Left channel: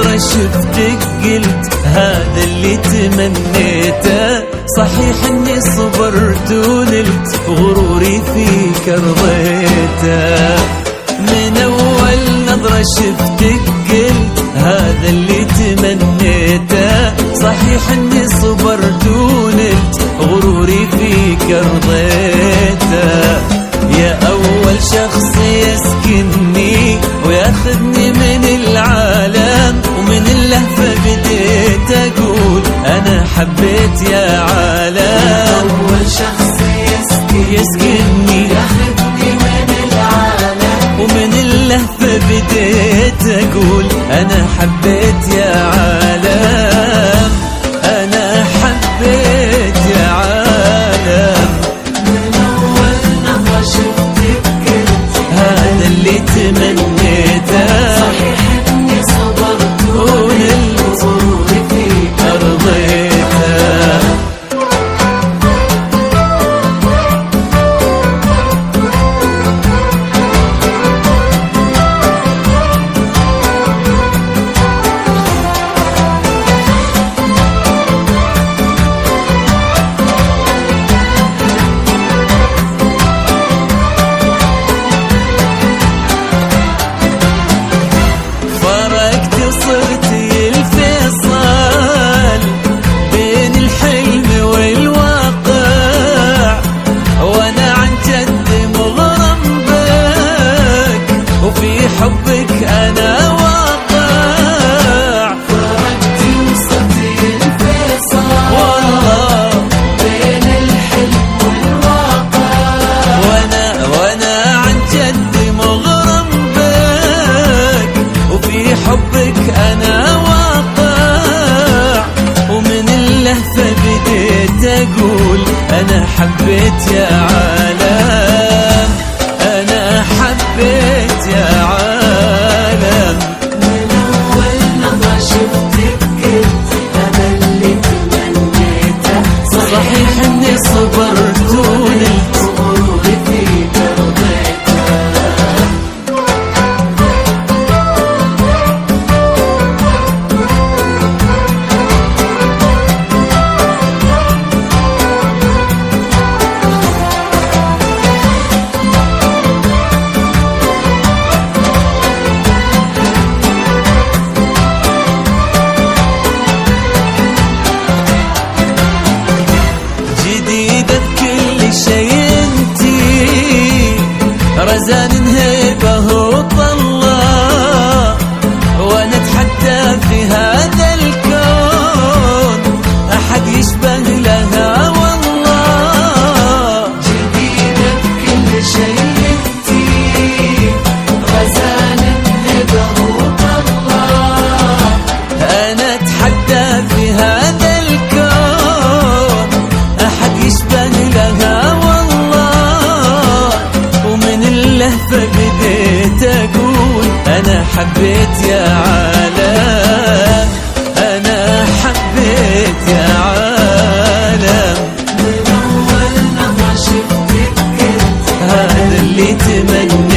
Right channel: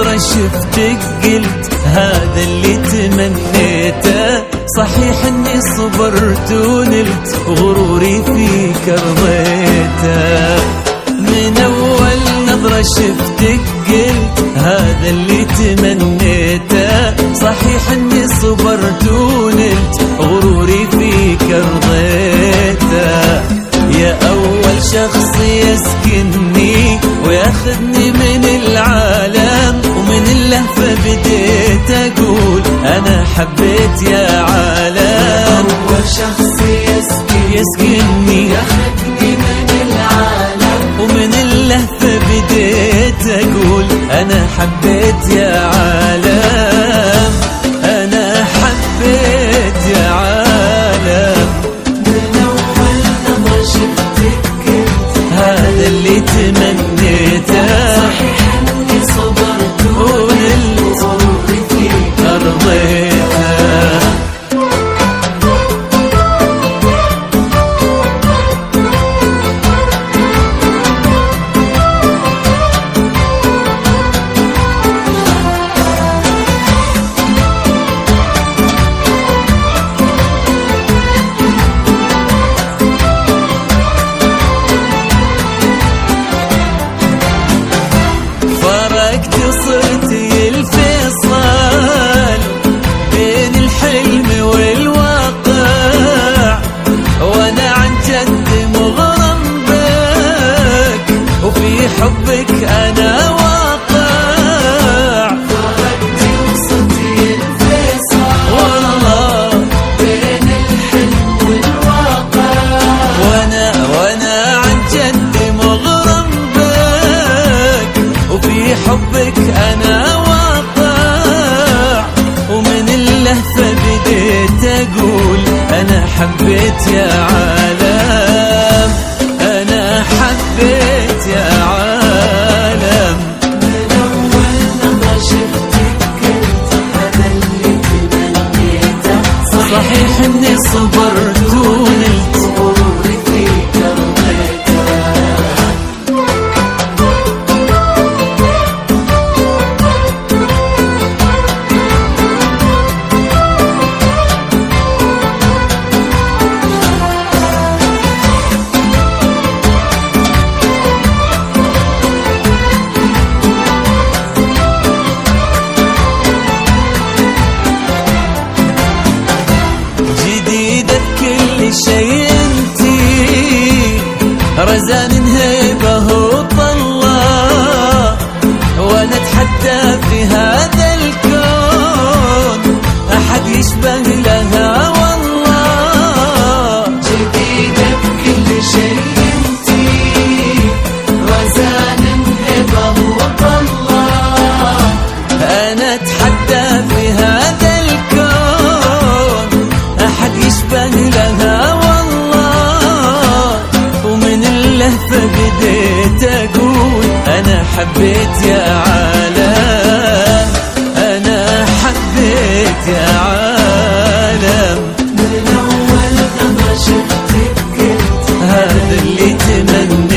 نظرة شفتك قلت هذا اللي تمنيته، صحيح اني صبرت ونلت غروري فيك رضيته. من اول نظرة شفتك قلت هذا اللي تمنيته، صحيح اني صبرت ونلت غروري فيك رضيته. يا أول شخص يسكنني وياخذني من العالم، ومن اللهفة بديت أقول أنا حبيت يا عالم. أول شخص يسكنني ياخذني من العالم، ومن اللهفة بديت أقول أنا حبيت يا عالم، أنا حبيت يا عالم. هذا اللي تمنيته ونلت أرضيته. صرت الفيصل بين الحلم والواقع، وانا عن جد مغرم بك وفي حبك انا واقع. والله بين الحلم والواقع، وانا عن جد مغرم بك وفي حبك أنا واقع. ومن اللهفة بديت أقول أنا حبيت يا عالم، أنا حبيت يا عالم. من أول نظرة شفتك قلت هذا اللي تمنيته، صحيح إني صبرت ونلت غروري فيك جديدة بكل شيء انتي، رزان هيبة وطلة، وانا اتحدى في هذا الكون احد يشبه لها والله. جديدة بكل شيء انتي، رزان هبة وطلة، انا اتحدى في هذا الكون احد يشبه لها والله. ومن اللهفة بديت اقول انا حبيت يا عالم، انا حبيت يا عالم. من أول نظرة شفتك قلت هذا اللي تمنيته